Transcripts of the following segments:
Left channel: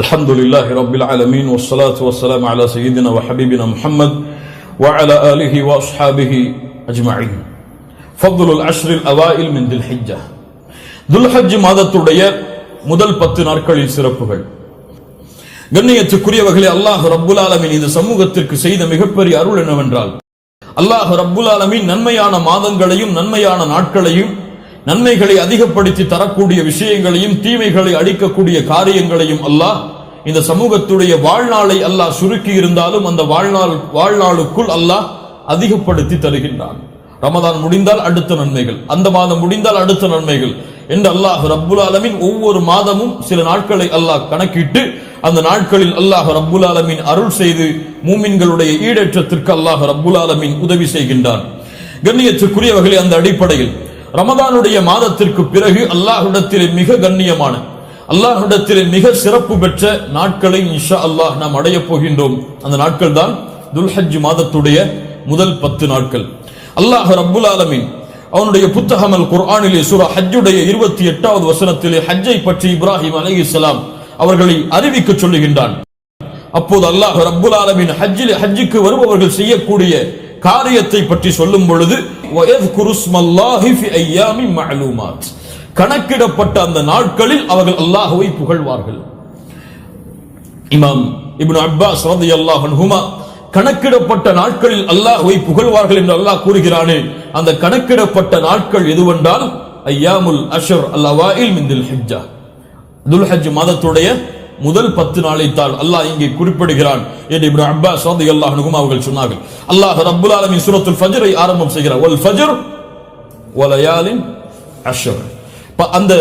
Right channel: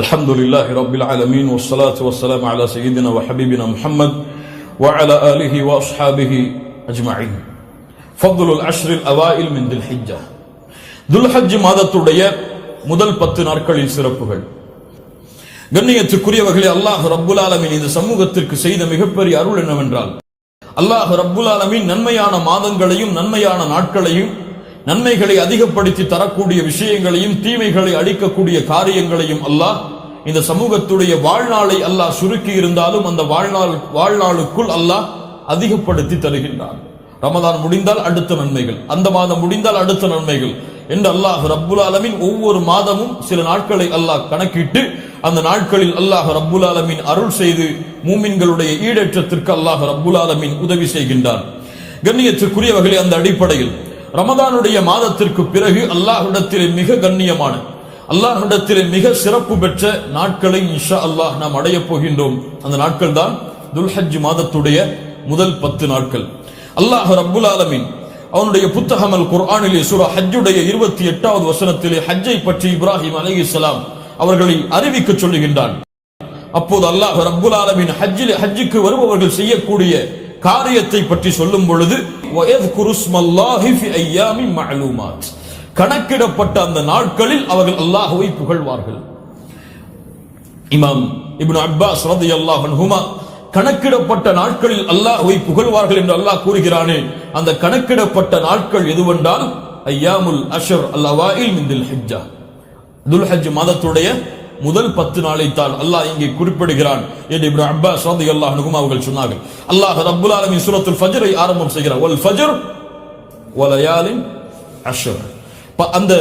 الحمد لله رب العالمين والصلاة والسلام على سيدنا وحبيبنا محمد وعلى آله وأصحابه أجمعين. فضل العشر الأوائل من ذي الحجة. ذو الحج மாதத்துடைய முதல் 10 நாட்களில் சிறப்புகள். கண்ணியத்துக்குரியவர்களே, அல்லாஹ் ரப்புல் ஆலமீன் இந்த சமூகத்திற்கு செய்த மிகப்பெரிய அருள் என்னவென்றால், அல்லாஹ் ரப்புல் ஆலமீன் நன்மையான மாதங்களையும் நன்மையான நாட்களையும் நன்மைகளை அதிகப்படுத்தி தரக்கூடிய விஷயங்களையும் தீமைகளை அழிக்கக்கூடிய காரியங்களையும் அல்லாஹ் இந்த சமூகத்துடைய வாழ்நாளை அல்லாஹ் சுருக்கி இருந்தாலும் அந்த வாழ்நாளுக்குள் அல்லாஹ் அதிகப்படுத்தி தருகின்றான். ரமதான் முடிந்தால் அடுத்த நன்மைகள், அந்த மாதம் முடிந்தால் அடுத்த நன்மைகள் என்று அல்லாஹ் ரப்புல் ஆலமீன் ஒவ்வொரு மாதமும் சில நாட்களை அல்லாஹ் கணக்கிட்டு அந்த நாட்களில் அல்லாஹ் ரப்புல் ஆலமீன் அருள் செய்து மூமின்களுடைய ஈடேற்றத்திற்கு அல்லாஹ் ரப்புல் ஆலமீன் உதவி செய்கின்றான். கண்ணியத்துக்குரியவர்களே, அந்த அடிப்படையில் ரமதானுடைய மாதத்திற்கு பிறகு அல்லாஹ்விடத்திலே மிக கண்ணியமான, அல்லாஹ்விடத்திலே மிக சிறப்பு பெற்ற நாட்களை இன்ஷா அல்லாஹ் நாம் அடையப் போகின்றோம். அந்த நாட்கள் தான் துல்ஹஜ் மாதத்துடைய முதல் 10 நாட்கள். அல்லாஹ் ரப்புல் ஆலமீன் அவனுடைய புத்தகம் அல் குர்ஆனிலே சூரா ஹஜ்ஜுடைய 28வது வசனத்திலே ஹஜ்ஜை பற்றி இப்ராஹிம் அலைஹிஸ்ஸலாம் அவர்களை அறிவிக்க சொல்லுகின்றான். அப்போது அல்லாஹ் ரப்புல் ஆலமீன் ஹஜ்ஜுக்கு வருபவர்கள் செய்யக்கூடிய காரியத்தை பற்றி சொல்லும் பொழுது கணக்கிடப்பட்ட அந்த நாட்களில் அவர்கள் அல்லாஹ்வை புகழ்வார்கள். இமாம் இப்னு அப்பாஸ் ரலியல்லாஹு அன்ஹுமா கணக்கிடப்பட்ட நாட்களில் அல்லாஹ்வை புகழ்வார்கள் என்று அல்லாஹ் கூறுகிறானே, அந்த கணக்கிடப்பட்ட நாட்கள் எதுவென்றால் ஐயாமுல் அஷ்ர் அல்-அவாயில் மின் துல் ஹிஜ்ஜா, துல்ஹஜ் மாதத்துடைய முதல் 10 நாளைத்தான் அல்லாஹ் இங்கே குறிப்பிடுகிறான் என்று இப்னு அப்பாஸ் ரலியல்லாஹு அன்ஹுமா அவர்கள் சொன்னார்கள். அல்லாஹ் ரப்புல் ஆலமீன் சூரத்துல் ஃபஜ்ரை ஆரம்பம் செய்கிறார். வல் ஃபஜ்ர் வலயாலின் அஷ்ர். அந்த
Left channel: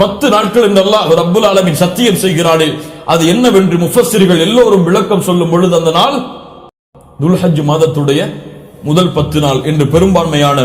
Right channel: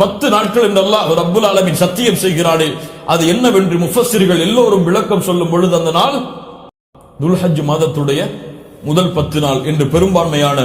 10 நாட்கள் என்று அல்லாஹ் ரப்புல் ஆலமீன் சத்தியம் செய்கிறானே, அது என்னவென்று முஃபஸ்ஸிர்கள் எல்லோரும் விளக்கம் சொல்லும் பொழுது அந்த நாள் துல்ஹஜ் மாதத்துடைய முதல் 10 நாள் என்று பெரும்பான்மையான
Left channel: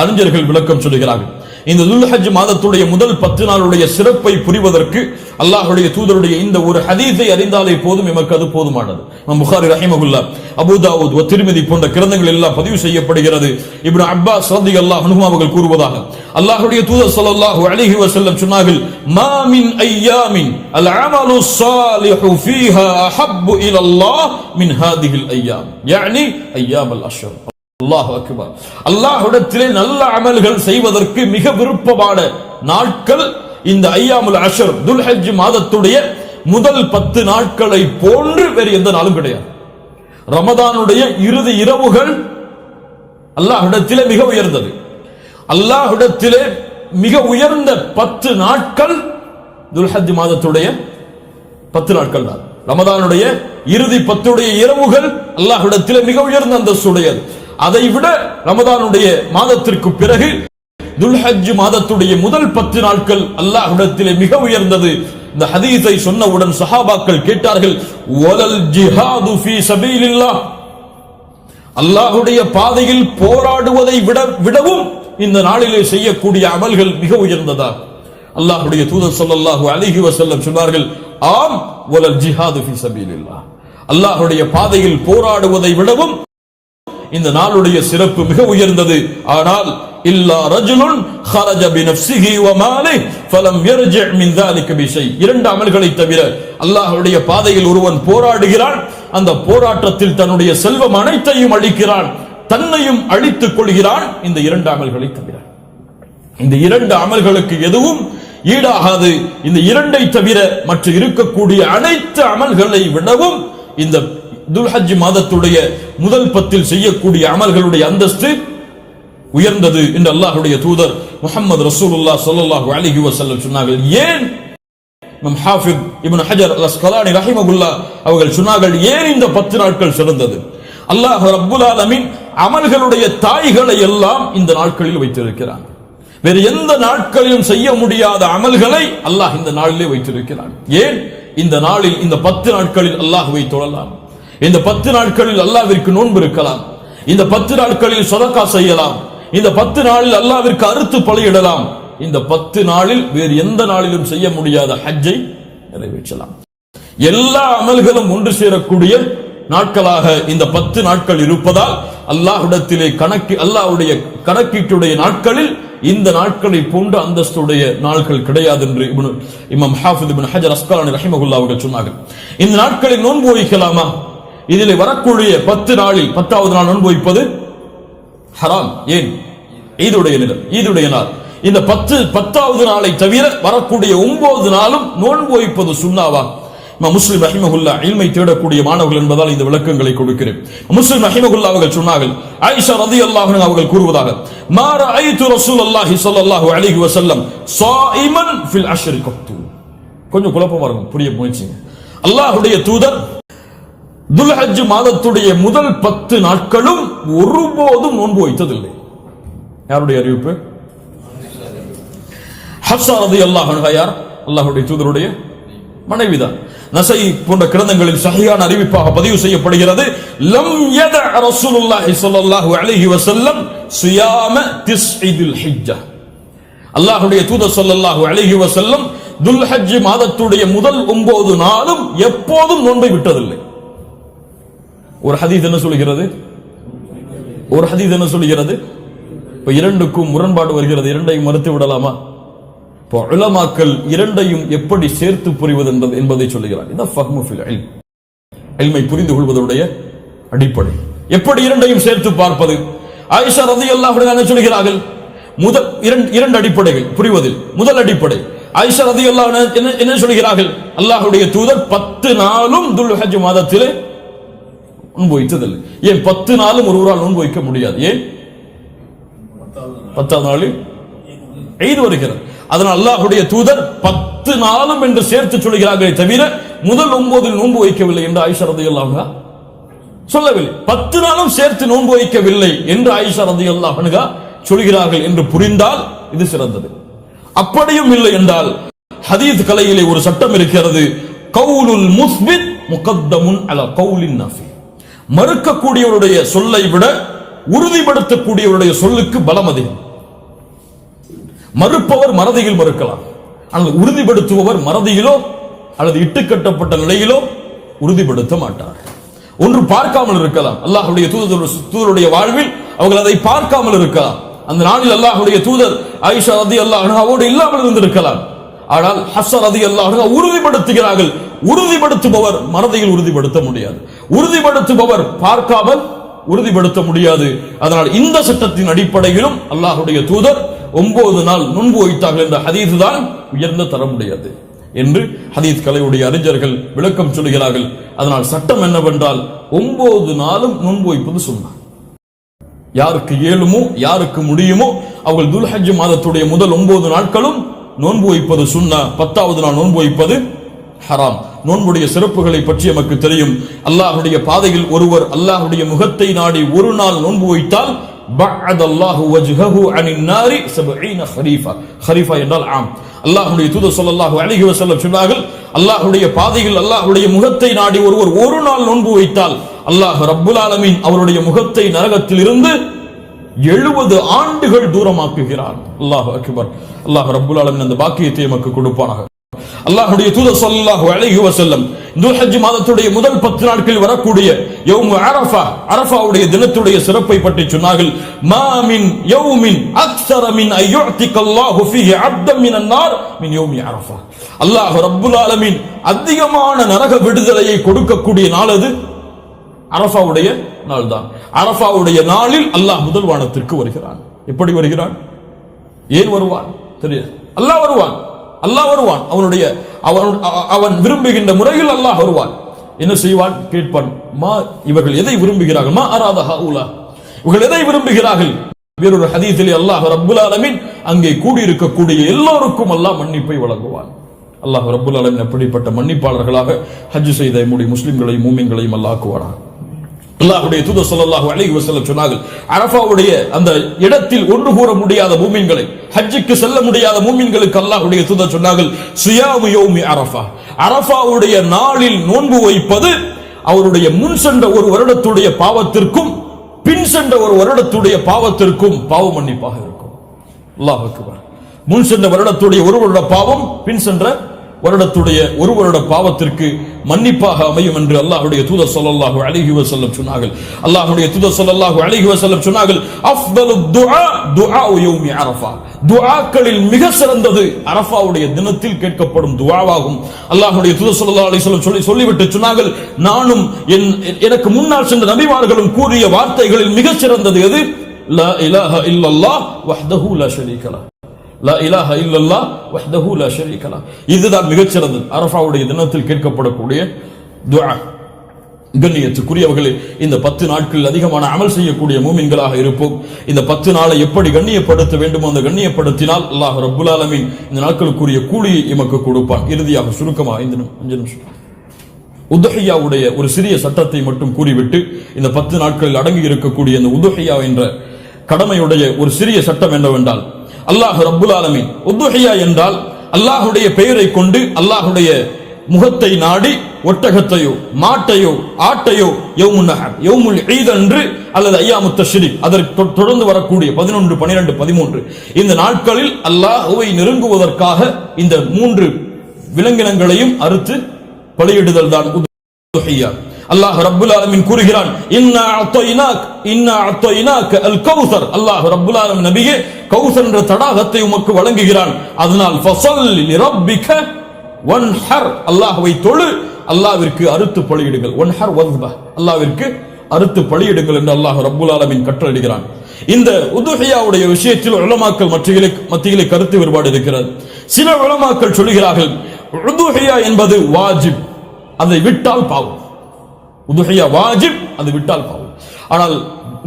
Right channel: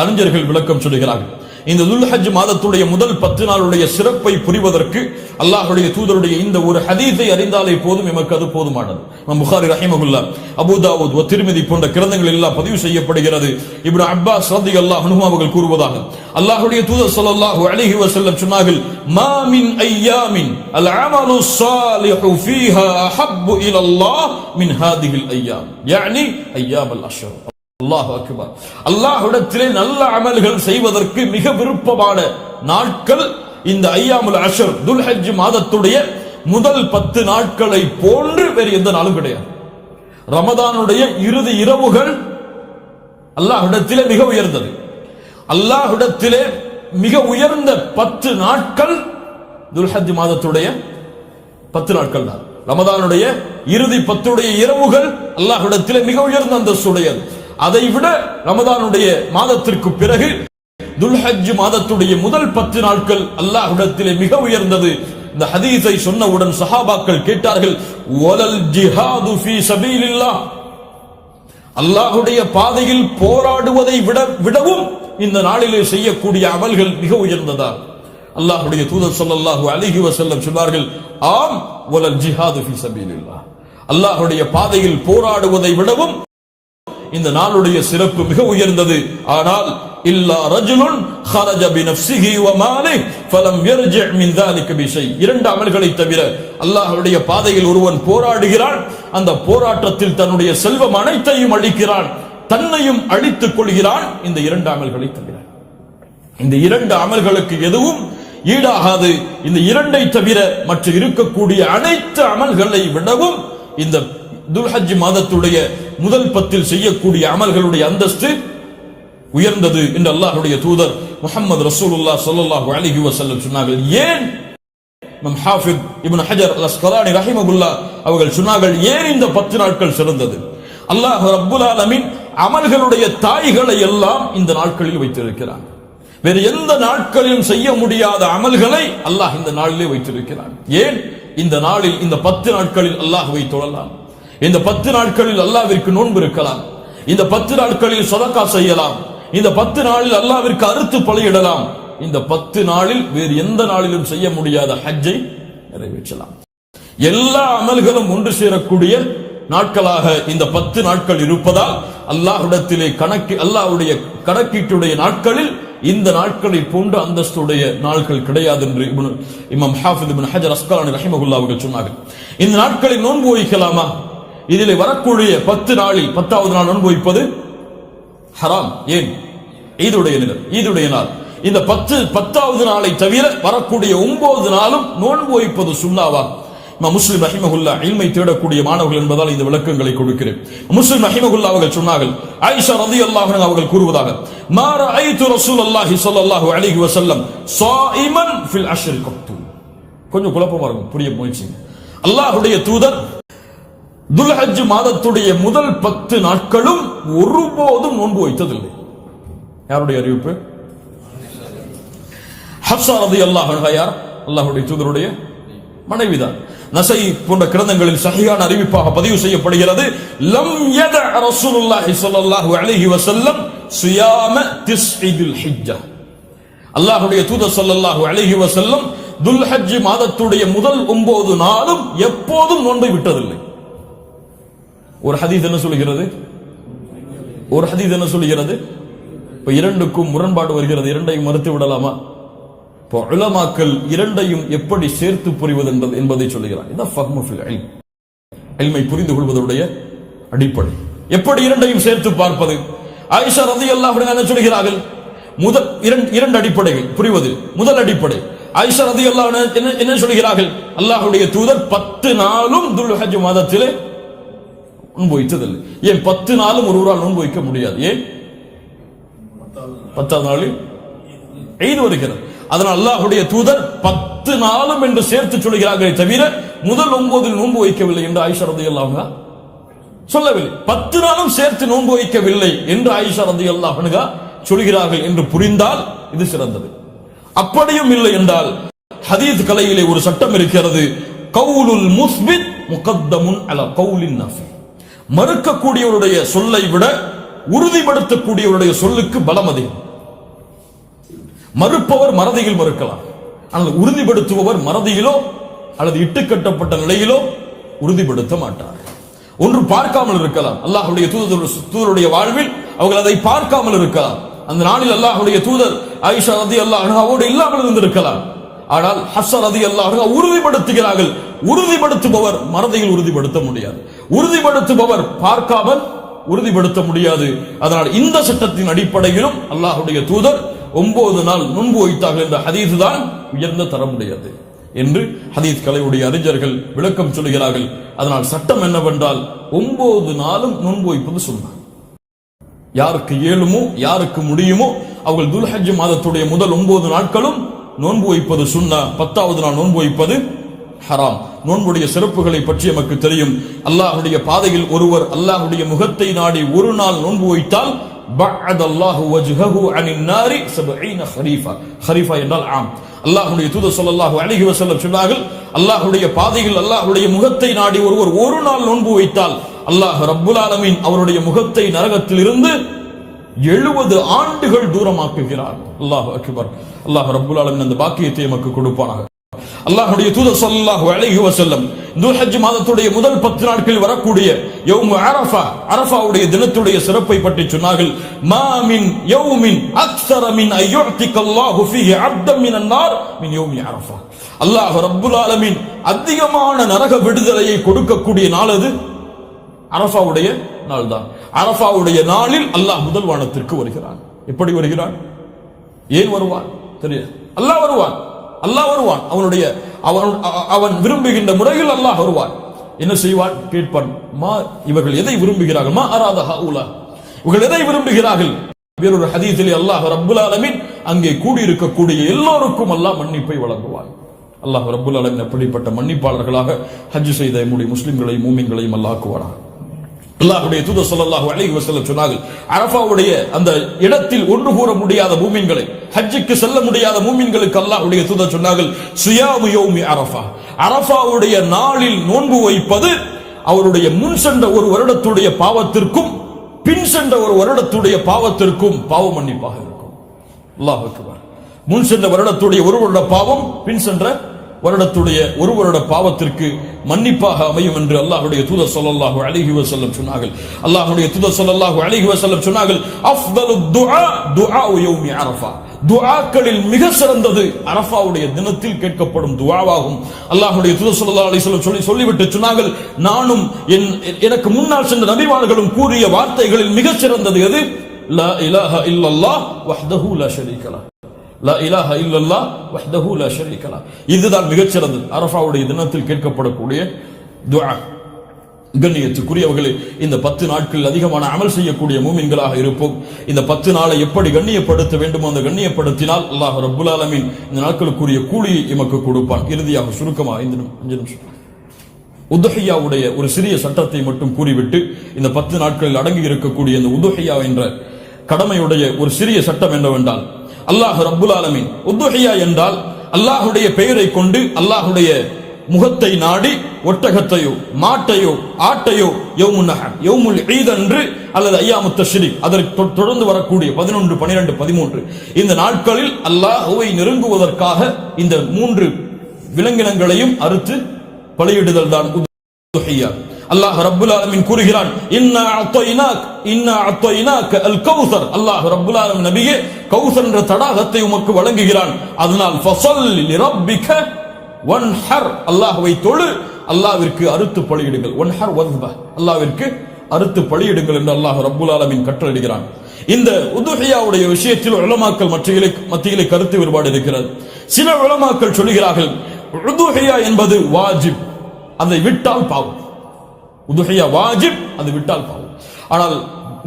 அறிஞர்கள் விளக்கம் சொல்கிறார்கள். இந்த துல்ஹஜ் மாதத்துடைய முதல் 10 நாளுடைய சிறப்பை புரிவதற்கு அல்லாஹ்வுடைய தூதருடைய இந்த ஒரு ஹதீஸை அறிந்தாலே போதும், எமக்கு அது போதுமானது. புகாரி ரஹிமஹுல்லாஹ், அபூ தாவூத் வ திர்மிதி போன்ற கிரந்தங்கள் எல்லாம் பதிவு செய்யப்படுகிறது. இப்னு அப்பாஸ் ரலியல்லாஹு அன்ஹு அவர்கள் கூறுவதாக, அல்லாஹ்வுடைய தூதர் ஸல்லல்லாஹு அலைஹி வஸல்லம் சொன்னார்கள், மா மின் அய்யாமின் அல் அமலு ஸாலிஹு ஃபீஹா அஹப்பு இலல்லாஹ் மின் ஹாதிஹில் அய்யாம், யானி அய்யாமுல் அஷ்ர். அல்லாஹு அக்பர். அல்லாஹ்விடத்திலே நல்ல அமல்கள் செய்வதற்கு மிக விருப்பமான நாட்கள் இந்த ஐயாமுல் அஷ்ர், துல்ஹஜ் மாதத்துடைய முதல் 10 நாட்களை போன்று வேறு எந்த நாளும் கிடையாது. ரமதானுடைய இறுதி இரவுகள் அல்லாஹ்விடத்திலே மிக உயர்ந்தது. அல்லாஹ்விடத்திலே மிக உயர்ந்த 10 நாட்கள் துல்ஹஜ் மாதத்துடைய 10 நாட்கள் தான். ரமதானுடைய இறுதி 10 இரவுகள் அல்லாஹ்விடத்திலே மிக உயர்ந்த அந்தஸ்துடையது. அதை விட ரமதானுடைய மாதத்திற்கு பிறகு துல்ஹஜ் மாதத்துடைய முதல் 10 நாட்கள் அல்லாஹ்விடத்திலே மிக உயர்ந்தது. இந்த ஹதீஸை சொன்னவுடன் சஹாபாக்கள் கேட்டார்கள், வலல் ஜிஹாது ஃபீ சபீலில்லாஹ், அல்லாஹ்வுடைய பாதையில் போராடுவதை விடவும் இந்த நாளிலே செய்யக்கூடிய அமல்கள் மிக உயர்ந்ததா? அல்லாஹ்வுடைய தூதர் ஸல்லல்லாஹு அலைஹி வஸல்லம் சொன்னார்கள், ஆம், வலல் ஜிஹாது ஃபீ சபீலில்லாஹ், அல்லாஹ்வுடைய பாதையில் போராடுவதை விடவும் இந்த நாளுடைய சிறப்பு மிக உயர்ந்தது. ஆனால் இல்லா ரஜுலுன் خرج بنفسه وماله فلم يرجع من ذلك بشيء, 2 அமல்களை தவிர அல்லாஹ்வுடைய பாதையில் ஒருவன் போராடுகிறான், அந்த போராட்டத்தில் தன்னுடைய செல்வம் அனைத்தையும் அழிக்கிறான், தன்னையும் அழித்துக் கொள்கிறான், இந்த 2 அமல்களை தவிர. இந்த 2 அமல்களுக்கு எதுவும் ஈடாகாது. இந்த 2ஐ தவிர மற்ற இருக்கக்கூடிய அனைத்து அமல்களை விடவும் இந்த துல்ஹஜ் மாதத்துடைய முதல் 10 செய்யக்கூடிய அமல்களுடைய அந்தஸ்து உயர்ந்தது என்று அல்லாஹ்வுடைய தூதர் முஹம்மது ரசூலுல்லாஹ் ஸல்லல்லாஹு அலைஹி வஸல்லம் சொன்னார்கள். ஏன் ஹாஃபிஸ் இப்னு ஹஜர் அல்-அஸ்கலானி ரஹிமஹுல்லாஹ் அவர்கள் சொன்னார்கள், ஏன் இந்த 10 நாட்கள் சிறந்தது? அல்லாஹ் ரப்புல் ஆலமீன் அமல்களுடைய தாய்களை எல்லாம் இந்த நாட்களில் வைத்திருக்கிறான். வேறு எந்த நாட்களிலும் செய்ய முடியாத அமல்களை அல்லாஹ் இந்த நாளிலே வைத்திருக்கிறான். ஏன்? இந்த நாளில், இந்த 10 நாட்களில் அல்லாஹ்வை தொழலாம், இந்த 10 நாட்களில் அல்லாஹ்விற்கு நோன்பு இருக்கலாம், இந்த 10 நாட்களில் சதகா செய்யலாம், இந்த 10 நாளில் அல்லாஹ்விற்கு அறுத்து பலியிடலாம், இந்த 10 நாளில் வேறு எந்த நாளிலும் செய்ய முடியாத ஹஜ்ஜை நிறைவேற்றலாம். எல்லா அமல்களும் ஒன்று சேரக்கூடிய நாட்களாக இந்த 10 நாட்கள் இருப்பதால் அல்லாஹ்விடத்திலே அல்லாஹ்வுடைய கணக்கீட்டுடைய நாட்களில் இந்த நாட்களை போன்ற அந்தஸ்துடைய நாட்கள் கிடையாது என்று இமாம் ஹாஃபிஸ் இப்னு ஹஜர் அஸ்கலானி ரஹிமஹுல்லாஹ் அவர்கள் சொன்னார்கள். இந்த நாட்களில் நோன்பு வைக்கலாமா? இதிலே வரக்கூடிய 10 நாளில் 10வது நாள் நோன்பு வைப்பது ஹராம். ஏன்? ஈதுடைய நாள். இந்த 10வது நாளை தவிர வரக்கூடிய 9 நாளும் நோன்பு வைப்பது சுன்னாவா? முஸ்லிம் ரஹிமஹுல்லாஹ் இல்மை தேடக்கூடிய மாணவர்கள் என்பதால் இந்த விளக்கங்களை கொடுக்கிறேன். முஸ்லிம் ரஹிமஹுல்லாஹ் அவர்கள் சொன்னார்கள், ஆயிஷா ரலியல்லாஹு அன்ஹா அவர்கள் கூறுவதாக, மா ரஅய்து ரசூலுல்லாஹி ஸல்லல்லாஹு அலைஹி வஸல்லம் ஸாயிமன் ஃபில் அஷ்ரி கத்து. கொஞ்சம் குழப்பமா இருக்கும், புரிய முயற்சி. அல்லாஹ்வுடைய தூதர் துல்ஹஜ் மாதத்துடைய முதல் 10 நாட்களும் ஒருபோதும் நோன்பு வைத்ததில்லை. யாருடைய அறிவிப்பு? ஹப்ஸா ரலியல்லாஹு அன்ஹா யார்? அல்லாஹ்வுடைய தூதருடைய மனைவிதான். நஸை போன்ற கிரந்தங்களில் சஹீஹான அறிவிப்பாக பதிவு செய்யப்படுகிறது, லம் யத ரசூலுல்லாஹி ஸல்லல்லாஹு அலைஹி வஸல்லம் சியாம திஸ்இல் ஹிஜ்ஜா. அல்லாஹ்வுடைய தூதர் ஸல்லல்லாஹு அலைஹி வஸல்லம் துல்ஹஜ் மாதத்துடைய முதல் 9 நாளும் எப்போதும் நோன்பை விட்டதில்லை. ஒரு ஹதீஸ் என்ன சொல்கிறது? இப்ப இரண்டுக்கும் முரண்பாடு வருகிறது. இரண்டையும் மறுத்து விடலாமா? இப்போ உலமாக்கள் இரண்டையும் எப்படி சேர்த்து புரிவது என்பதை சொல்லுகிறார். இதான் ஃபஹ்மு ஃபில் இல்ம், இல்மை புரிந்து கொள்வதுடைய அடிப்படை. எப்படி இரண்டையும் சேர்த்து பார்ப்பது? ஆயிஷா ரலியல்லாஹு அன்ஹா சொல்கிறார்கள், முதல் இரண்டு அடிப்படைகள் புரிவது. முதல் அடிப்படை, ஆயிஷா ரலியல்லாஹு அன்ஹா என்ன சொல்கிறார்கள்? அல்லாஹ்வுடைய தூதர் 10 நாளும் துல்ஹஜ் மாதத்திலே நோன்பு வைத்ததில்லை. ஏன் 10 நாளும் ஒருவரால் நோன்பு வைக்க முடியாது? ஏன்? 10வது நாளில் ஈத் வருகிறது. அதனால் அல்லாஹ்வுடைய தூதர் 10 நாளும் என்று சேர்த்து சொல்கிறார்களே தவிர முதல் 9 நோன்பு வைக்கவில்லை என்று ஆயிஷா ரலியல்லாஹு அன்ஹா சொல்லவில்லை. 10 நாளும் சேர்த்து நோன்பு வைக்கவில்லை என்று ஆயிஷா ரலியல்லாஹு அன்ஹா சொல்கிறார்கள் என்று புரிந்தால் இது சிறந்தது. அப்படியும் இல்லை என்றால் ஹதீஸ் கலையிலே ஒரு சட்டம் இருக்கிறது, கவுலுல் முஸ்பித் முகத்தமுன் அலா கவுலின் நஃபி. மறுக்கக்கூடியவருடைய சொல்லை விட உறுதிப்படுத்தக்கூடியவருடைய சொல்லுக்கு பலம் அதிகம். மறுப்பவர் மறதியில் மறுக்கலாம், ஆனால் உறுதிப்படுத்துபவர் மறதியிலோ அல்லது இட்டுக்கட்டப்பட்ட நிலையிலோ உறுதிப்படுத்த மாட்டார். ஒன்று பார்க்காமல் இருக்கலாம், அல்லாஹ்வுடைய தூதருடைய வாழ்வில் அவர்கள் அதை பார்க்காமல் இருக்கலாம். அந்த நாளில் அல்லாஹ்வுடைய தூதர் ஆயிஷா ரலியல்லாஹு அன்ஹாவோடு இல்லாமல் இருந்திருக்கலாம். ஆனால் ஹஃப்ஸா ரலியல்லாஹு அன்ஹா உறுதிப்படுத்துகிறார்கள். உறுதிப்படுத்துபவர் மறதியில் உறுதிப்படுத்த முடியாது, உறுதிப்படுத்துபவர் பார்க்காமல் உறுதிப்படுத்த முடியாது. அதனால் இந்த சட்டத்தின் அடிப்படையிலும் அல்லாஹ்வுடைய தூதர் 9 நாள் நோன்பு வைத்தார்கள் என்ற ஹதீஸ் தான் உயர்ந்த தரமுடையது என்று ஹதீஸ் கலையுடைய அறிஞர்கள் விளக்கம் சொல்கிறார்கள். அதனால் சட்டம் என்னவென்றால் 9 நாளும் நோன்பு வைப்பது சுன்னா. யாருக்கு இயலுமோ யாருக்கு முடியுமோ அவர்கள் துல்ஹஜ் மாதத்துடைய முதல் 9 நாட்களும் நோன்பு வைப்பது சுன்னா. 10வது நாள் நோன்பு வைப்பது ஹராம். நோன்புடைய சிறப்புகளை பற்றி நமக்கு தெரியும். அல்லாஹ்வுடைய பாதையில் ஒருவர் அல்லாஹ்வுடைய முகத்தை நாடி ஒரு நாள் நோன்பு வைத்தால் பஅத அல்லாஹு வஜ்ஹஹு அனின் நாரி 70 ஹரீஃபா. ஹரீஃபா என்றால் ஆம். அல்லாஹ்வுடைய தூதர் ஸல்லல்லாஹு அலைஹி வஸல்லம் சொன்னார்கள், அல்லாஹ்வுடைய பாதையில் அல்லாஹ்வுடைய முகத்தை நாடி ஒருவர் ஒரு நாள் நோன்பு வைத்தால் அல்லாஹ் ரப்புல் ஆலமீன் அவருடைய முகத்தை நரகத்தில் இருந்து 70 ஆண்டுகள் தூரமாக்குகிறார். அல்லாஹு அக்பர். அல்லாஹ் ரப்புல் ஆலமீன் அந்த பாக்கியத்தை நமக்கு கொடுப்பானாக. அல்லாஹ்வுடைய தூதர் ஸல்லல்லாஹு அலைஹி வஸல்லம் துல்ஹஜ் மாதத்துடைய முதல் 10 நாட்களில் வரக்கூடிய யௌம் அரஃபா, அரஃபாவுடைய தினத்துடைய சிறப்பை பற்றி சொன்னார்கள். மா மின் யௌமின் அக்ஸர மின் அய்யுஅதிகல்லாஹு ஃபீஹி அப்தன் மினன் நார் மின் யௌமி அரஃபா. அல்லாஹ் ரப்புல் ஆலமீன் அதிகமான நரக விடுதலையை கொடுக்கக்கூடிய நாள் அது அரஃபாவுடைய நாள் தான். அரஃபாவுடைய நாளில் அல்லாஹ் முதல் வானத்திற்கு வருகிறான். எப்படி வருகிறான்? ஏன் வருவான் தெரியாது. அல்லாஹ் வருவான், அல்லாஹ் வருவான். அவன் விரும்புகின்ற முறையில் அல்லாஹ் வருவான். என்ன செய்வான்? கேட்பான், மா இவர்கள் எதை விரும்புகிறார்கள்? மா அராத ஹவுலா, இவர்கள் எதை விரும்புகிறார்கள்? வேறொரு ஹதீஸிலே அல்லாஹ் ரப்புல் ஆலமீன் அங்கே கூடியிருக்கக்கூடிய எல்லோருக்கும் அல்லாஹ் மன்னிப்பை வழங்குவான். அல்லாஹ் ரப்புல் ஆலமீன் அப்படிப்பட்ட மன்னிப்பாளர்களாக ஹஜ் செய்த நம்முடைய முஸ்லிம்களையும் மூமின்களையும் அல்லாஹ் ஆக்குவானாக. அல்லாஹ்வுடைய தூதர் ஸல்லல்லாஹு அலைஹி வஸல்லம் சொன்னார்கள், அரஃபாவுடைய அந்த இடத்தில் ஒன்று கூற முடியாத மூமின்களை, ஹஜ்ஜுக்கு செல்ல முடியாத மூமின்களுக்கு அல்லாஹ்வுடைய தூதர் சொன்னார்கள், சியாமு யௌமி அரஃபா, அரஃபாவுடைய நாளில் நோன்பு வைப்பது அவருடைய முன் சென்ற ஒரு வருடத்துடைய பாவத்திற்கும் பின் சென்ற ஒரு வருடத்துடைய பாவத்திற்கும் பாவ மன்னிப்பாக இருக்கும். அல்லாஹ் அக்பர். முன் சென்ற வருடத்துடைய ஒரு வருட பாவம், பின் சென்ற வருடத்துடைய ஒரு வருட பாவத்திற்கு மன்னிப்பாக அமையும் என்று அல்லாஹ்வுடைய தூதர் ஸல்லல்லாஹு அலைஹி வஸல்லம் சொன்னார்கள். அல்லாஹ்வுடைய தூதர் ஸல்லல்லாஹு அலைஹி வஸல்லம் சொன்னார்கள், அஃதலுத் துஆ துஆஉ யௌமி அரஃபா. துஆக்களில் மிக சிறந்தது அரஃபாவுடைய தினத்தில் கேட்கப்படும் துஆவாகும். அல்லாஹ்வுடைய தூதர் ஸல்லல்லாஹு அலைஹி வஸல்லம் சொல்லிவிட்டு சொன்னார்கள், நானும் எனக்கு முன்னால் சென்ற நபிமார்களும் கூறிய வார்த்தைகளில் மிக சிறந்தது எது? லா இலாஹ இல்லல்லாஹ் வஹ்தஹு லா ஷரீக லஹ். லா இலாஹ இல்லல்லாஹ் வஹ்தஹு லா ஷரீக லஹ். இதுதான் மிகச் சிறந்தது அரஃபாவுடைய தினத்தில் கேட்கப்படக்கூடிய துஆ. கண்ணியத்துக்குரியவர்களே, இந்த 10 நாட்களில் அதிகமான அமல் செய்யக்கூடிய மூமின்களாக இருப்போம். இந்த 10 நாளை எப்படி கண்ணியப்படுத்த வேண்டுமோ அந்த கண்ணியப்படுத்தினால் அல்லாஹ் ரப்புல் ஆலமீன் இந்த நாட்களுக்குரிய கூலியை எமக்கு கொடுப்பான். இறுதியாக சுருக்கமாக இந்த நிமிஷம் உதுஹியாவுடைய ஒரு சிறிய சட்டத்தை மட்டும் கூறிவிட்டு இந்த 10 நாட்களில் அடங்கி இருக்கக்கூடிய இந்த உதுஹியா என்ற கடமையுடைய ஒரு சிறிய சட்டம் என்னவென்றால், அல்லாஹ் ரப்புல் ஆலமீன் உதுஹியா என்றால் அல்லாஹ்வுடைய பெயரை கொண்டு அல்லாஹ்வுடைய முகத்தை நாடி ஒட்டகத்தையோ மாட்டையோ ஆட்டையோ யௌமுன் நஹர் யௌமுல் ஈத் அன்று அல்லது அய்யாமுத் தஷ்ரீக் அதற்கு தொடர்ந்து வரக்கூடிய 11, 12, 13 இந்த நாட்களில் அல்லாஹ்வை நெருங்குவதற்காக இந்த 3 விலங்கினங்களையும் அறுத்து பலியிடுதல் தான் உதுஹியா. அல்லாஹ் ரப்புல் ஆலமீன் கூறுகிறான், இன்னா அத்தய்னாக அல் கௌசர். அல்லாஹ் ரப்புல் ஆலமீன் நபியே கௌசர் என்ற தடாகத்தை உமக்கு வழங்குகிறான். அதனால் ஃபஸல்லி லிரப்பிக வன்ஹர், அல்லாஹ்வை தொழு, அல்லாஹ்விற்கு அறுத்து பலியிடுங்கள். வன்ஹர் வஸ்பஹ், அல்லாஹ்விற்கு அறுத்து பலியிடுங்கள் என்று அல்லாஹ் ரப்புல் ஆலமீன் கட்டளையிடுகிறான். இந்த உதுஹியாவுடைய விஷயத்தில் உலமாக்கள் மத்தியிலே கருத்து வேறுபாடு இருக்கிறது. சில உலமாக்கள் சொல்கிறார்கள், உதுஹியா என்பது வாஜிப், அதை விட்டால் பாவம். உதுஹியா வாஜிப், அது விட்டால் பாவம். ஆனால்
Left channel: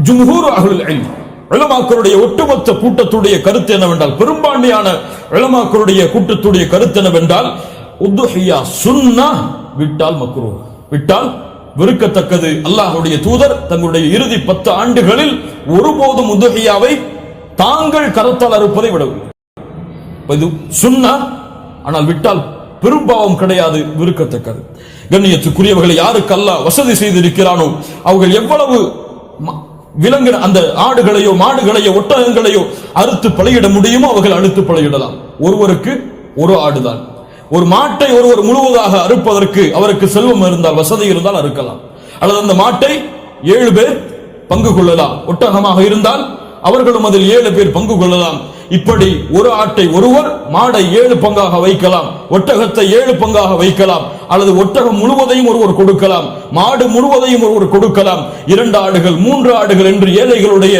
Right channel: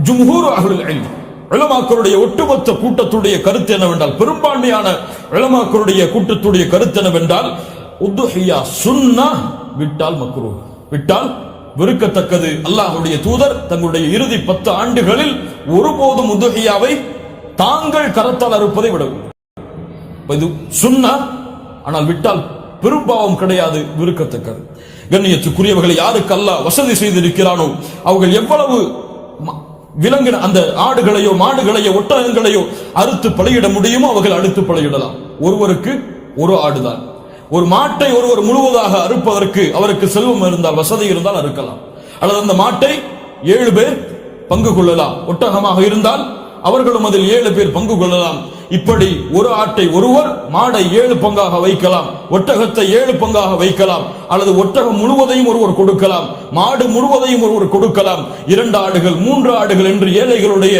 ஜும்ஹூர் அஹ்லுல் இல்ம் உலமாக்களுடைய ஒட்டுமொத்த கூட்டத்துடைய கருத்து என்னவென்றால், பெரும்பான்மையான உலமாக்களுடைய கூட்டத்துடைய கருத்து என்னவென்றால், உதுஹியா சுன்னah, விட்டால் மக்ரூஹ், விட்டால் வெறுக்கத்தக்கது. அல்லாஹ்வுடைய தூதர் தங்களுடைய இறுதி 10 ஆண்டுகளில் ஒருபோதும் உதுஹியாவை தாங்கள் கரத்தால் அறுப்பதை விடவில்லை. இது சுன்னah, ஆனால் விட்டால் பெரும்பாவம் கிடையாது, வெறுக்கத்தக்கது. கண்ணியத்துக்குரியவர்களை யாருக்கு அல்லாஹ் வசதி செய்திருக்கிறானோ அவர்கள் எவ்வளவு விலங்கு அந்த ஆடுகளையோ மாடுகளையோ ஒட்டகங்களையோ அறுத்து பலியிட முடியுமோ அவர்கள் அறுத்து பலியிடலாம். ஒருவருக்கு ஒரு ஆடுதான். ஒரு மாட்டை ஒருவர் முழுவதாக அறுப்பதற்கு அவருக்கு செல்வம் இருந்தால், வசதி இருந்தால் அறுக்கலாம். அல்லது அந்த மாட்டை 7 பேர் பங்கு கொள்ளலாம். ஒட்டகமாக இருந்தால் அவர்களும் அதில் 7 பேர் பங்கு கொள்ளலாம். இப்படி ஒரு ஆட்டை ஒருவர், மாடை 7 பங்காக வைக்கலாம், ஒட்டகத்தை 7 பங்காக வைக்கலாம். அல்லது ஒட்டகம் முழுவதையும் ஒருவர் கொடுக்கலாம், மாடு முழுவதையும் ஒருவர் கொடுக்கலாம். 2 ஆடுகள் 3 ஆடுகள் என்று ஏழைகளுடைய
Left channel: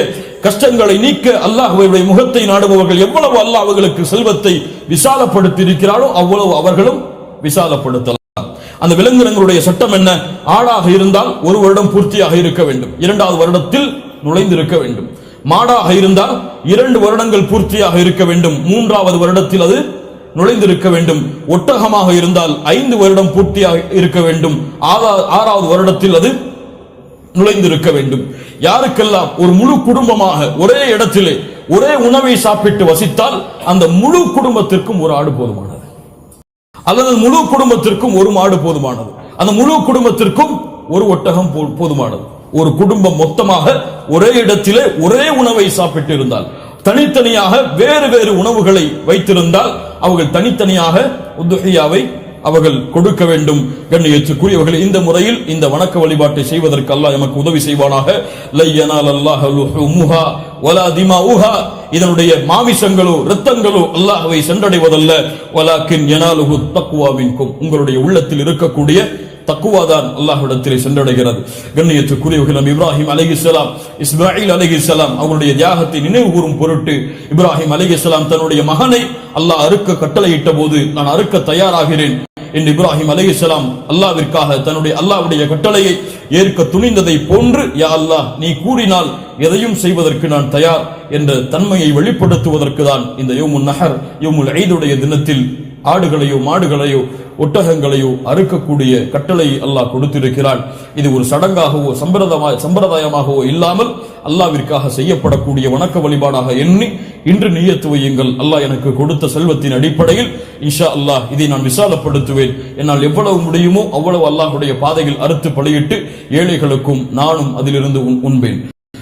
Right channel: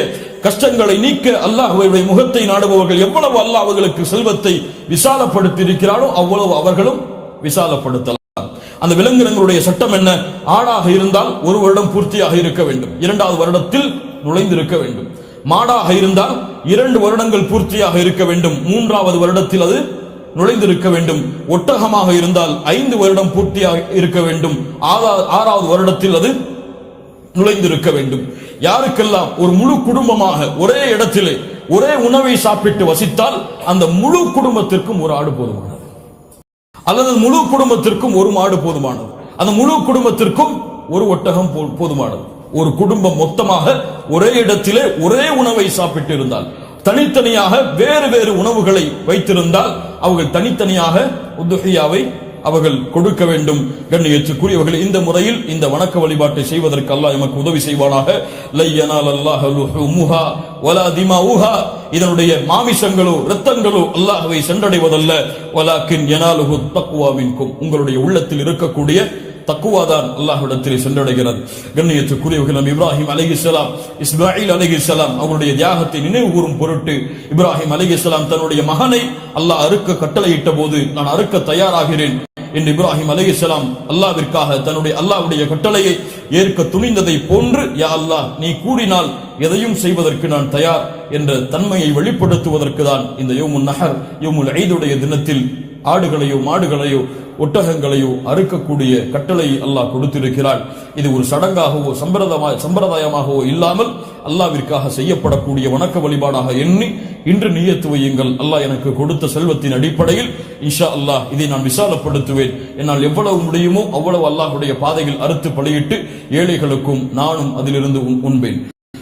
கஷ்டங்களை நீக்க அல்லாஹ்வுடைய முகத்தை நாடுபவர்கள் எவ்வளவு அல்லாஹ் அவர்களுக்கு செல்வத்தை விசாலப்படுத்தி இருக்கிறாரோ அவ்வளவு அவர்களும் விசாலப்படுத்தலாம். அந்த விலங்கினங்களுடைய சட்டம் என்ன? ஆடாக இருந்தால் 1 வருடம் பூர்த்தியாக இருக்க வேண்டும், 2வது வருடத்தில் நுழைந்திருக்க வேண்டும். மாடாக இருந்தால் 2 வருடங்கள் பூர்த்தியாக இருக்க வேண்டும், 3வது வருடத்தில் அது நுழைந்திருக்க வேண்டும். ஒட்டகமாக இருந்தால் 5 வருடம் பூர்த்தியாக இருக்க வேண்டும், 6வது வருடத்தில் அது நுழைந்திருக்க வேண்டும். யாருக்கெல்லாம் ஒரு முழு குடும்பமாக ஒரே இடத்திலே ஒரே உணவை சாப்பிட்டு வசித்தால் அந்த முழு குடும்பத்திற்கும் ஒரு ஆடு போதுமானது, அல்லது முழு குடும்பத்திற்கும் ஒரு மாடு போதுமானது, அந்த முழு குடும்பத்திற்கும் ஒரு ஒட்டகம் போதுமானது. ஒரு குடும்பம் மொத்தமாக ஒரே இடத்திலே ஒரே உணவை சாப்பிட்டு இருந்தால், தனித்தனியாக வேறு வேறு உணவுகளை வைத்திருந்தால் அவர்கள் தனித்தனியாக உதுஹியாவை அவர்கள் கொடுக்க வேண்டும். கண்ணியத்துக்குரியவர்கள், இந்த முறையில் இந்த வணக்க வழிபாட்டை செய்வதற்கு அல்லாஹ் எமக்கு உதவி செய்வானாக. லை யனாலல்லாஹு லுஹூமுஹா வலா திமாஉஹா, இதனுடைய மாமிசங்களோ இரத்தங்களோ அல்லாஹ்வை சென்றடைவதல்ல. வலாக்கின் யனாலுஹு தக்வா மின்கும், உங்களுடைய உள்ளத்தில் இருக்கக்கூடிய தக்குவாதான் அல்லாஹ்விடத்திலே சென்றடைகிறது. கண்ணியத்துக்குரியவர்கள், நபி இப்ராஹிம் அலைஹிஸ்ஸலாம், இஸ்மாயில் அலைஹிஸ்ஸலாம் அவருடைய தியாகத்தை நினைவு கூறும் பொருட்டு இப்ராஹிம் அலைஹிஸ்ஸலாம் தன்னுடைய மகனை அல்லாஹ் அறுக்க கட்டளையிட்ட போது, நான் அறுக்க தயாராகிறேன் என்று இப்ராஹிம் அலைஹிஸ்ஸலாம் அல்லாஹ்விற்காக தன்னுடைய அல்லாஹ்வுடைய கட்டளையை ஏற்க துணிந்ததை போன்று, யா அல்லாஹ் நீ கூறினால் எதையும் செய்வதற்கு நான் தயார் என்ற தன்மையை வெளிப்படுத்துவதற்கு தான் இந்த யௌமுன் நஹர் யௌமுல் ஈதுடைய தினத்தில் ஆடுகளையோ மாடுகளையோ ஒட்டகங்களையோ அறுக்கக்கூடிய கட்டளை அல்லாஹ் கொடுத்திருக்கிறான். இது ஒரு சடங்காகவோ சம்பிரதாயமாகவோ இல்லாமல் அல்லாஹ்விற்காக செய்யப்படக்கூடிய வணக்க வழிபாடாக எண்ணி இன்று நியத்து வையுங்கள். அல்லாஹ் எனக்கு கொடுத்த செல்வத்தின் அடிப்படையில் இன்ஷா அல்லாஹ் இதை நான் விசாலப்படுத்துவேன். என்னால் எவ்வளவு முடியுமோ அவ்வளவு அல்லாஹ்வுடைய பாதையில் அறுத்து பலியிட்டு ஏழைகளுக்கும் நானும் அதிலிருந்து உண்பேன்.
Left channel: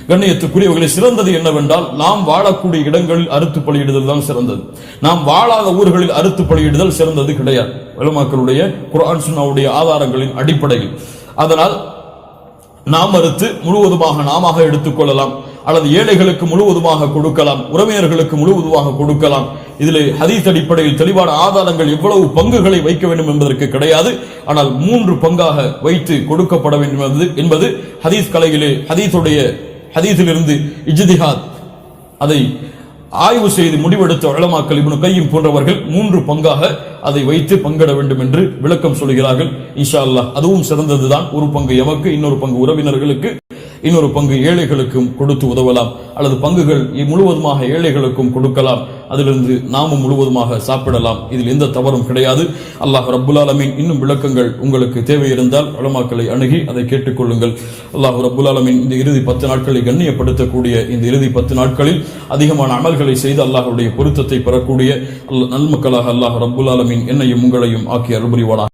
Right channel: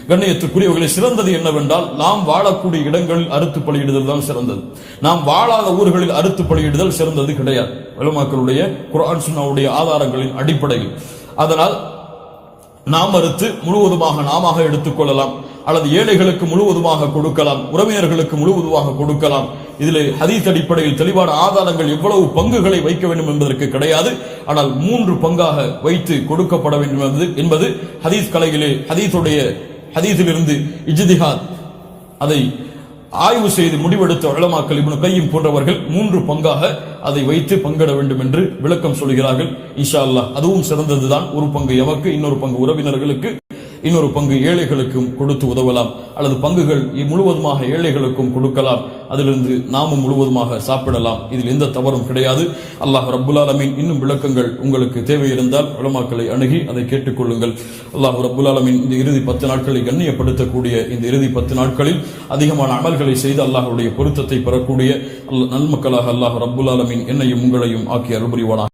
கண்ணியத்துக்குரியவர்களை சிறந்தது என்னவென்றால் நாம் வாழக்கூடிய இடங்களில் அறுத்து பலியிடுதல் தான் சிறந்தது. நாம் வாழாத ஊர்களில் அறுத்து பலியிடுதல் சிறந்தது கிடையாது, உலமாக்களுடைய குர்ஆன் சுன்னாவுடைய ஆதாரங்களின் அடிப்படையில். அதனால் நாம் அறுத்து முழுவதுமாக நாம எடுத்துக்கொள்ளலாம், அல்லது ஏழைகளுக்கு முழுவதுமாக கொடுக்கலாம், உறவினர்களுக்கு முழுவதுமாக கொடுக்கலாம். இதில் ஹதீஸ் அடிப்படையில் தெளிவான ஆதாரங்கள் எவ்வளவு பங்குகளை வைக்க வேண்டும் என்பதற்கு கிடையாது. ஆனால் 3 பங்காக வைத்து கொடுக்கப்பட வேண்டும் என்பது ஹதீஸ் கலையிலே ஹதீஸிலிருந்து இஜ்திஹாத் அதை ஆய்வு செய்து முடிவெடுத்த உலமாக்கள் இப்னு கய்யிம் போன்றவர்கள் 3 பங்காக அதை வைத்து பங்கிட வேண்டும் என்று விளக்கம் சொல்கிறார்கள். இன்ஷா அல்லாஹ் அதுவும் சிறந்ததுதான். ஒரு பங்கு எமக்கு, இன்னொரு பங்கு உறவினர்களுக்கு, இன்னொரு பங்கு ஏழைகளுக்கும் கொடுத்து உதவலாம், அல்லது பங்குகள் முழுவதுமாக ஏழைகளுக்கும் கொடுக்கலாம், அதிலிருந்து நாமும் முழுவதுமாக சாப்பிடலாம். இதில் எந்த தவறும் கிடையாது. அல்லாஹ் ரப்புல் ஆலமீன் இன்னும் விளக்கங்கள் உங்களுக்கு தேவை இருந்தால் உலமாக்களை அணுகி அதை கேட்டுக்கொள்ளுங்கள். அல்லாஹ் ரப்புல் ஆலமீன் இந்த இறுதி 10 நாட்களை கண்ணியப்படுத்தக்கூடிய இந்த இறுதி 10 நாட்களில் அதிகமான அமல்களை செய்து அல்லாஹ்வுடைய பொருத்தத்தை பெறக்கூடிய நல்மக்களாக அல்லாஹ் ரப்புல் ஆலமீன் என்னையும் உங்களையும் ஆக்கி அருள்புரிவானாக.